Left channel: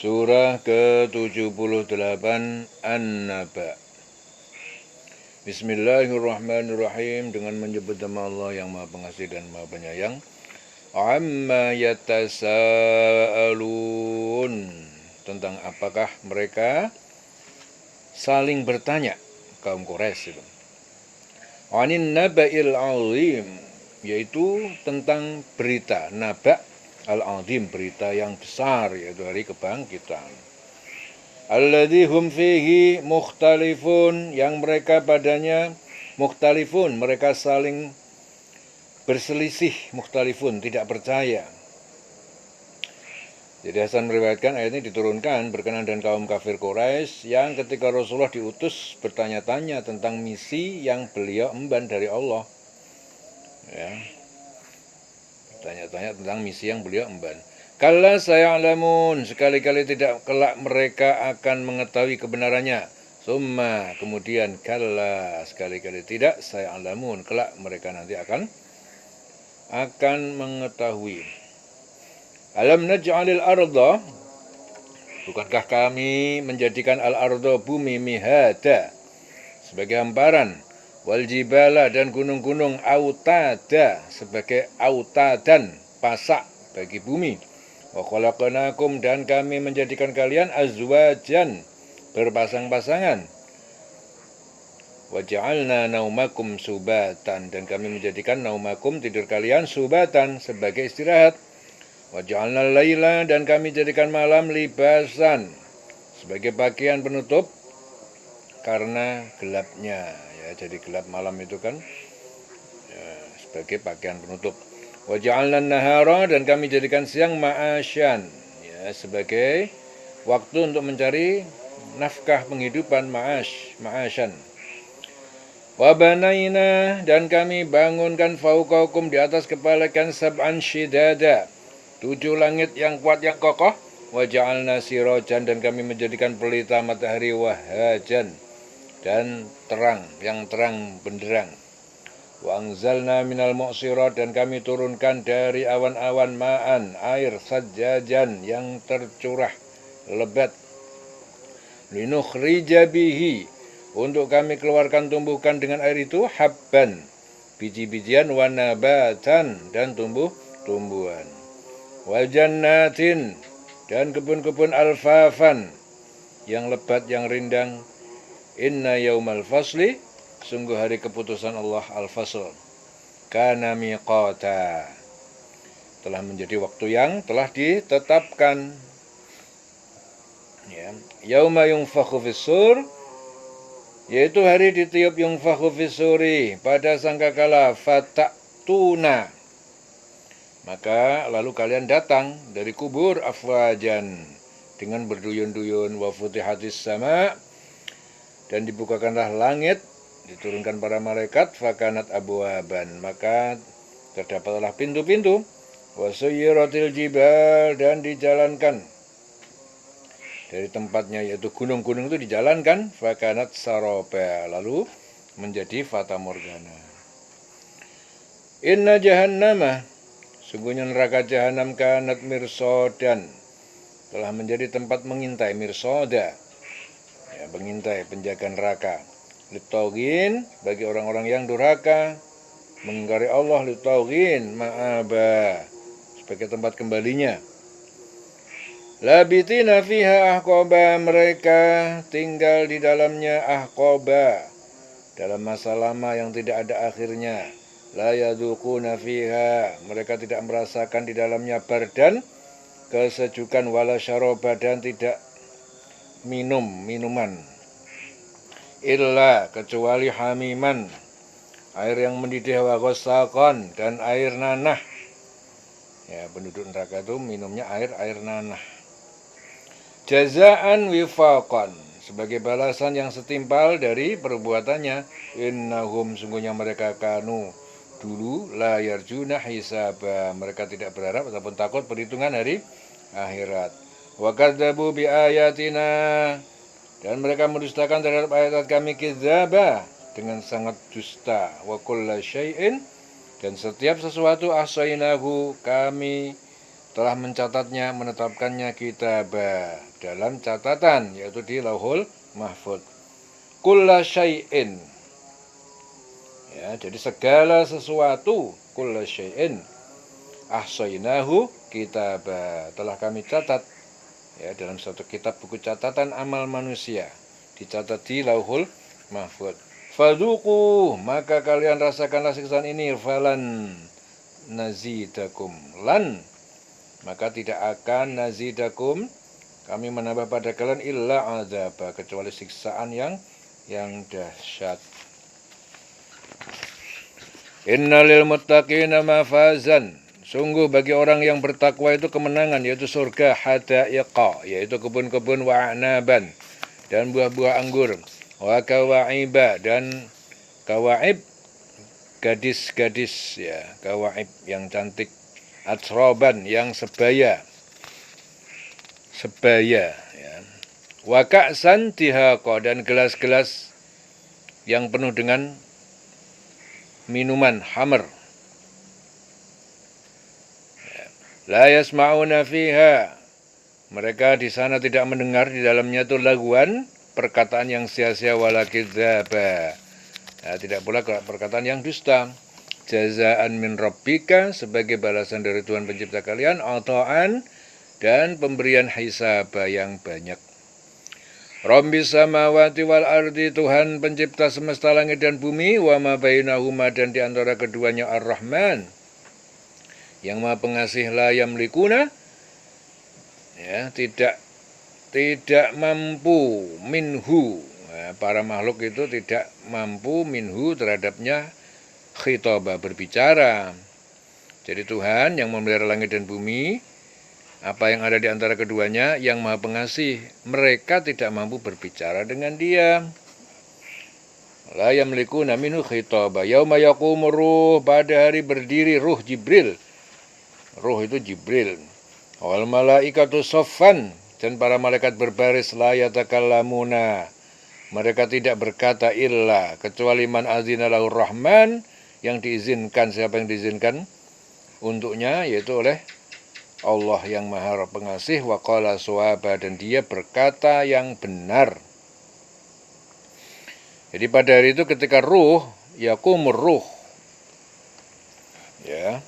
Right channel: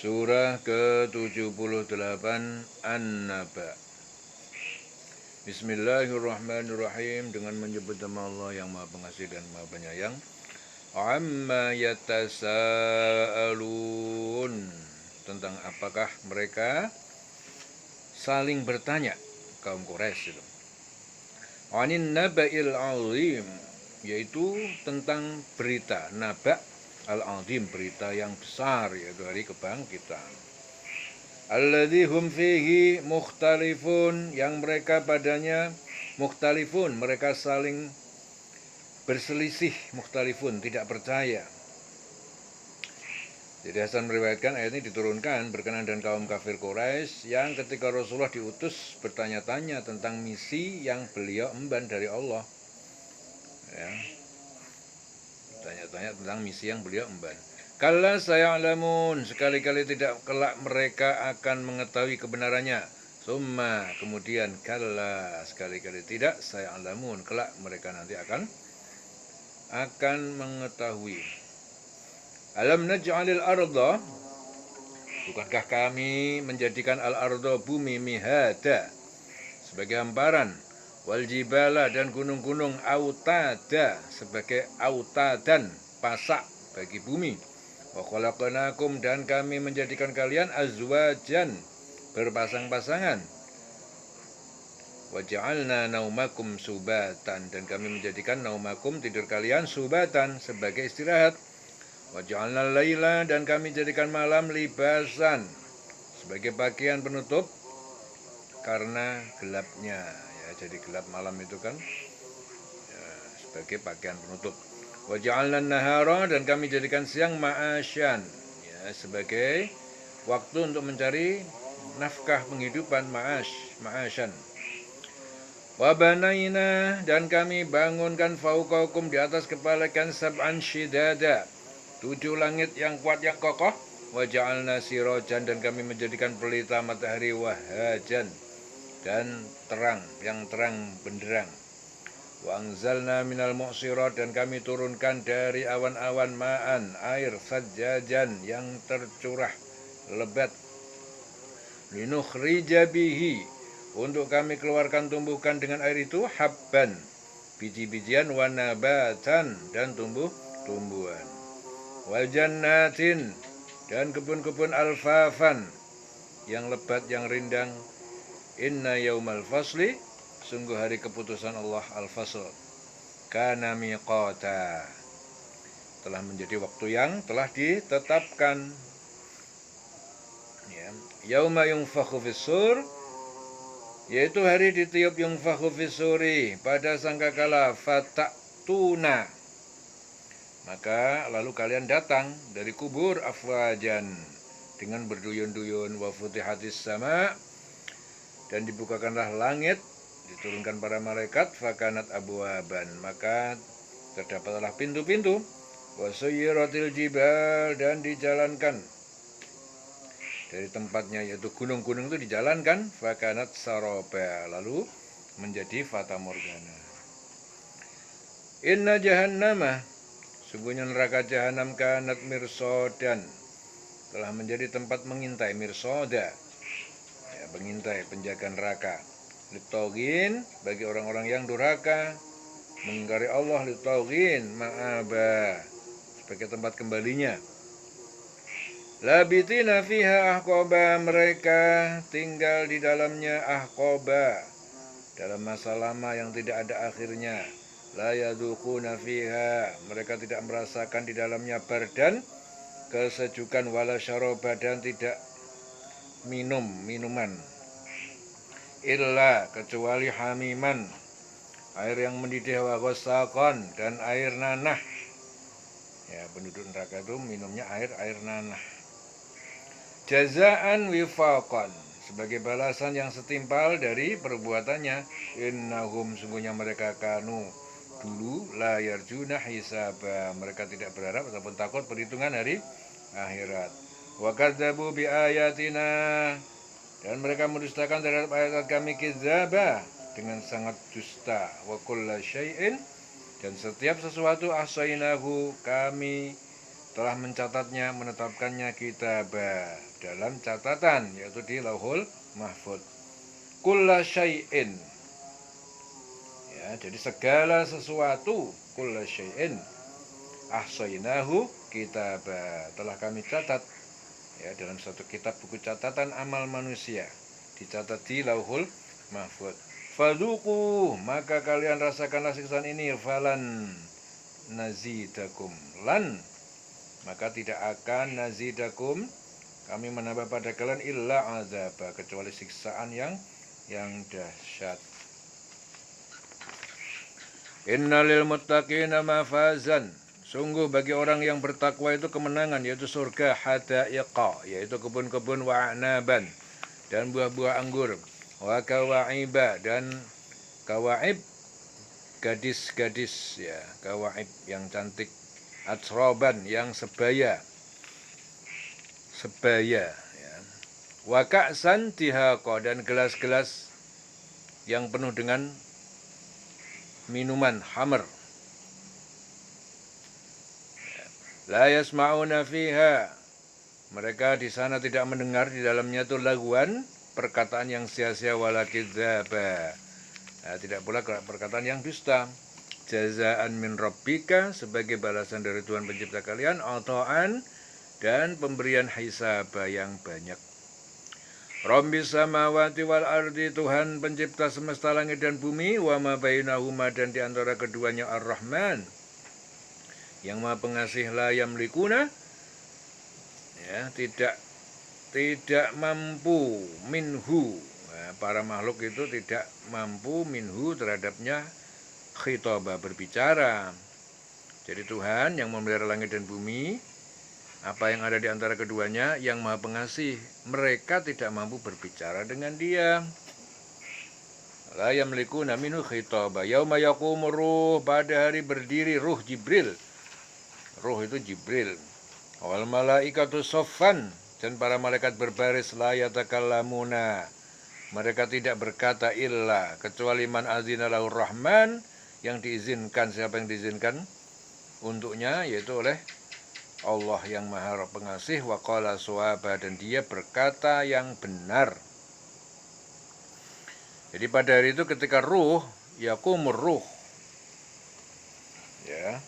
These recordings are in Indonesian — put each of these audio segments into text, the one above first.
Surah ke-78 An-Naba. Bismillahirrahmanirrahim. Dengan menyebut nama Allah yang Maha Pengasih dan Maha Penyayang. Amma yatasa'alun. Tentang apakah mereka saling bertanya, kaum Quraisy itu. Anin naba'il azim, yaitu tentang berita naba al-azim, berita yang besar, yaitu hari kebangkitan. Alladzi hum fihi mukhtalifun, yang mereka padanya mukhtalifun, mereka saling berselisih, mukhtalifun, tidak percaya. Jadi Hasan meriwayatkan ayat ini diturunkan berkenaan dengan kaum kafir Quraisy yang ketika Rasulullah diutus bertanya-tanya tentang misi yang beliau emban dari Allah. Ya. Bertanya-tanya tentang misi yang beliau emban. Kalla saya'lamun, sekali-kali tidak kelak mereka akan mengetahui kebenarannya. Summa, kemudian kalla, sekali-kali tidak, saya'lamun, kelak mereka nanti akan mengetahui. Alam naj'alil arda, bukankah kami menjadikan al-arda bumi mihada sebagai hamparan, wal jibala dan gunung-gunung autada sebagai autadan, pasak bagi bumi. Wa khalaqnakum, dan kami menjadikan kalian azwajan, berpasang-pasangan. Wa ja'alna naumakum subatan, dan kami menjadikan naumakum, tidur kalian, subatan sebagai istirahat. Wa ja'alna laila, dan kami jadikan malam libasan sebagai pakaian penutup karena gelapnya, ya, jadi gelap malam itu kan ya, sebagai pakaian penutup. Wa ja'alna nahara, dan kami jadikan siang ma'asyan, ya, sebagai waktu untuk mencari nafkah penghidupan, ma'asyan. Wa banaina, dan kami bangunkan fauqakum, di atas kepala kalian, sab'an shidada, 7 langit yang kuat yang kokoh. Wa ja'alna sirajan, dan kami menjadikan pelita matahari, wahajan, dan terang, yang terang benderang. Wa anzalna minal mu'sirat, dan kami turunkan dari awan-awan ma'an, air, sajjajan, yang tercurah lebat. Linukhrija bihi, untuk kami keluarkan tumbuhkan dengan air itu, habban, biji-bijian, wa nabatan, dan tumbuh-tumbuhan. Wa jannatin, dan kebun-kebun alfafan, yang lebat, yang rindang. Inna yaumal fasli, sungguh hari keputusan Allah, al-fasl, kana miqata, telah menjadi waktu yang telah ditetapkan. Ya. Yauma yunfakhu fis-sur, yaitu hari ditiup yunfakhu fis-suri, pada sangkakala, fatatuna, maka lalu kalian datang dari kubur, afwajan, dengan berduyun-duyun. Wa futihatis sama, dan dibukakanlah langit, diturunkan para malaikat, fakanat abwaban, maka terdapatlah pintu-pintu. Wa suyyiratil jibal, dan dijalankan dari tempatnya, yaitu gunung-gunung itu dijalankan, fakanat saraba, lalu menjadi fata morgana. Inna jahannama, sungguhnya neraka jahanam, kanat mirsodan, telah menjadi tempat mengintai, mirsoda, ya, mengintai, penjaga neraka. Litogin, bagi orang-orang yang durhaka, mengingkari Allah. Litogin, ma'aba, sebagai tempat kembalinya. Labitina fiha ahqaba, mereka tinggal di dalamnya, ahqaba, dalam masa lama yang tidak ada akhirnya. La yadzuquna fiha, mereka tidak merasakan di dalamnya bardan, kesejukan, wala syaraba, dan tidak minum minuman, illa, kecuali hamiman, air yang mendidih, wa ghassaqan, dan air nanah. Ya, penduduk neraka itu minumnya air nanah. Jazaan wifaqan, sebagai balasan yang setimpal dari perbuatannya. Innahum, sungguhnya mereka kanu, dulu, la yarjuna hisaba, mereka tidak berharap ataupun takut perhitungan hari akhirat. Wa kadzabu bi ayatina, dan mereka mendustakan terhadap ayat kami, kidzaba, dengan sangat dusta. Wa kulla syai'in, dan setiap sesuatu, ahsainahu, kami telah mencatatnya, menetapkannya kitabah dalam catatan, yaitu di Lauhul Mahfuz. Kulla syai'in, ya, jadi segala sesuatu, kulla syai'in ahsainahu kitabah, telah kami catat, ya, dalam satu kitab buku catatan amal manusia, dicatat di Lauhul Mahfuz. Fadzuqu, maka kalian rasakanlah siksaan ini, falan nazidakum, lan, maka tidak akan nazidakum, kami menambah pada kalian, illa azaba, kecuali siksaan yang dahsyat. Innalil muttaqina mafazan, sungguh bagi orang yang bertakwa itu kemenangan, yaitu surga, hadaiqa, yaitu kebun-kebun, wa a'naban, dan buah-buah anggur, wa kawaiba, dan kawaib, gadis-gadis, ya, kawaib yang cantik, atsroban, yang sebaya, ya. Wa ka'san dihaqa, dan gelas-gelas yang penuh dengan minuman hamr. La yasma'una fiha, mereka di sana tidak mendengar di dalamnya itu laguan, perkataan yang sia-sia, wala kidzaba, nah, tidak pula perkataan yang dusta. Jazaan min rabbika, sebagai balasan dari Tuhan pencipta kalian, ata'an, dan pemberian hisab yang banyak. Rabbis samawati wal ardi, Tuhan pencipta semesta langit dan bumi, wa ma bainahuma, dan di antara keduanya, Ar-Rahman, yang Maha Pengasih, la yamlikuna, ya, tidak mampu, minhu, nah, para makhluk itu tidak mampu, minhu, terhadapnya, khitaba, berbicara. Jadi Tuhan yang memelihara langit dan bumi, apa yang ada di antara keduanya, yang Maha Pengasih, mereka tidak mampu berbicara dengan Dia. La yamlikuna minhu khitaba. Yauma yaqumur ruh, pada hari berdiri ruh Jibril. Ruh itu Jibril. Wal malaikatu soffan, dan para malaikat berbaris, la yatakallamuna, mereka tidak berkata, illa, kecuali man azina lahur rahman, yang diizinkan, siapa yang diizinkan untuknya, yaitu oleh Allah yang Maha Pengasih, wa qala suwaba, dan dia berkata yang benar. Jadi pada hari itu ketika ruh, yaqumur ruh, ya.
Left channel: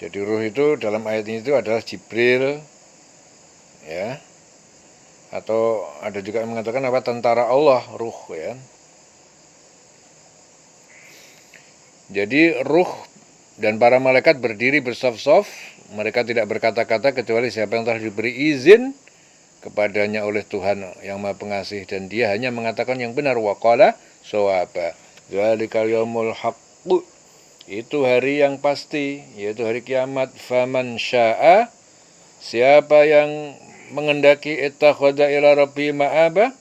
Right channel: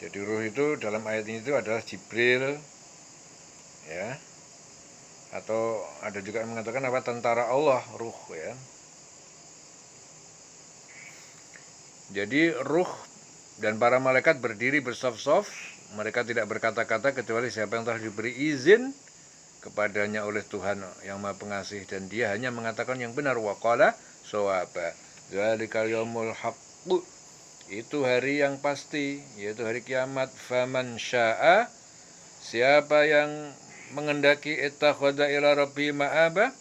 Jadi ruh itu dalam ayat ini itu adalah Jibril, ya. Atau ada juga yang mengatakan apa, tentara Allah, ruh, ya. Jadi ruh dan para malaikat berdiri bersaf-saf, mereka tidak berkata-kata kecuali siapa yang telah diberi izin kepadanya oleh Tuhan yang Maha Pengasih, dan dia hanya mengatakan yang benar. Wa qala shawaba, dzalikal yaumul haqqu, itu hari yang pasti, yaitu hari kiamat. Faman syaa, siapa yang mengendaki, ittakhadha ila rabbi ma'aba,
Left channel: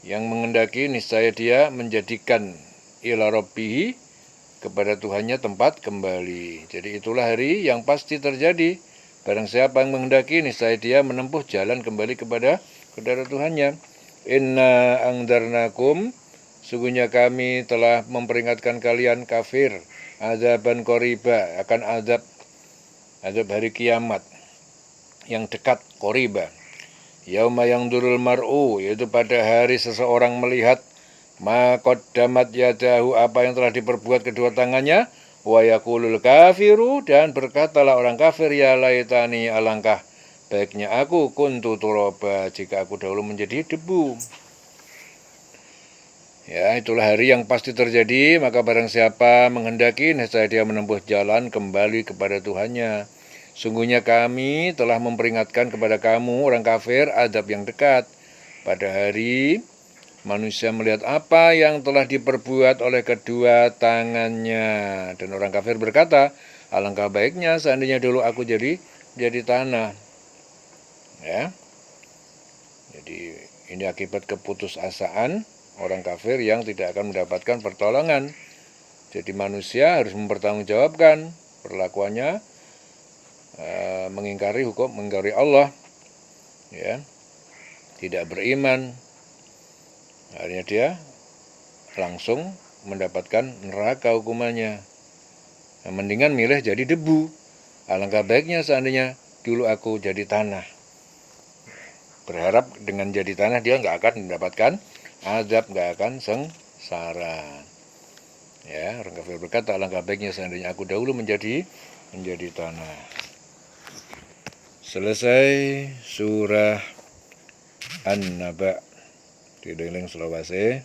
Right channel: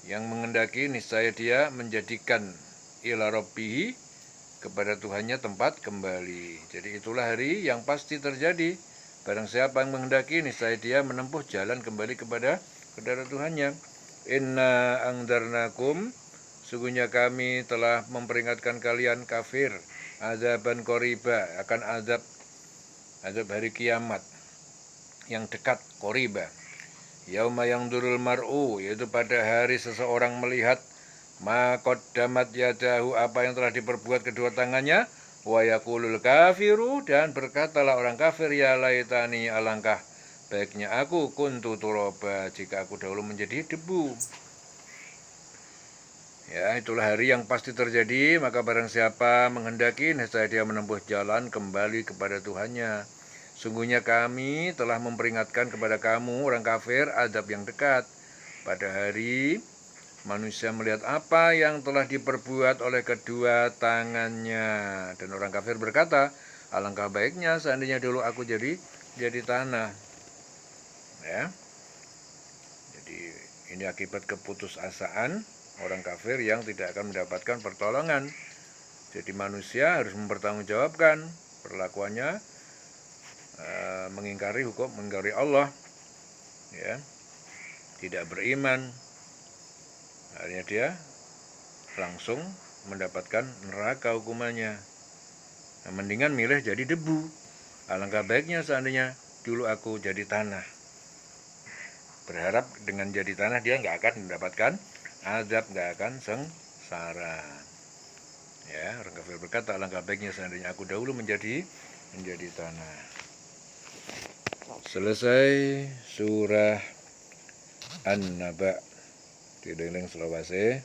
yang mengendaki niscaya dia menjadikan ila rabbihi, kepada Tuhannya tempat kembali. Jadi itulah hari yang pasti terjadi. Barang siapa yang menghendaki, niscaya dia menempuh jalan kembali kepada Tuhannya. Inna angdarnakum, sungguhnya kami telah memperingatkan kalian kafir, azaban qoriba, akan azab hari kiamat yang dekat, qoriba. Yauma yang durul mar'u, yaitu pada hari seseorang melihat, ma qaddamat yadahu, apa yang telah diperbuat kedua tangannya, wa yaqulul kafiru, dan berkatalah orang kafir, ya laitani, alangkah baiknya aku, kuntu turaba, jika aku dahulu menjadi debu. Ya, itulah hari yang pasti terjadi, maka barang siapa menghendaki, niscaya dia menempuh jalan kembali kepada Tuhannya. Sungguhnya kami telah memperingatkan kepada kamu, orang kafir, azab yang dekat. Pada hari manusia melihat apa yang telah diperbuat oleh kedua tangannya. Dan orang kafir berkata, alangkah baiknya seandainya dulu aku jadi tanah. Ya. Jadi ini akibat keputusasaan orang kafir yang tidak akan mendapatkan pertolongan. Jadi manusia harus mempertanggungjawabkan perlakuannya, mengingkari hukum, mengingkari Allah, ya, tidak beriman. Akhirnya dia langsung mendapatkan neraka hukumannya. Mendingan milih jadi debu. Alangkah baiknya seandainya dulu aku jadi tanah. Berharap dengan jadi tanah dia nggak akan mendapatkan azab, nggak akan sengsara. Ya, orang kafir berkata, alangkah baiknya seandainya aku dahulu menjadi tanah. Selesai surah An-Naba. Di Deleng Sulawesi,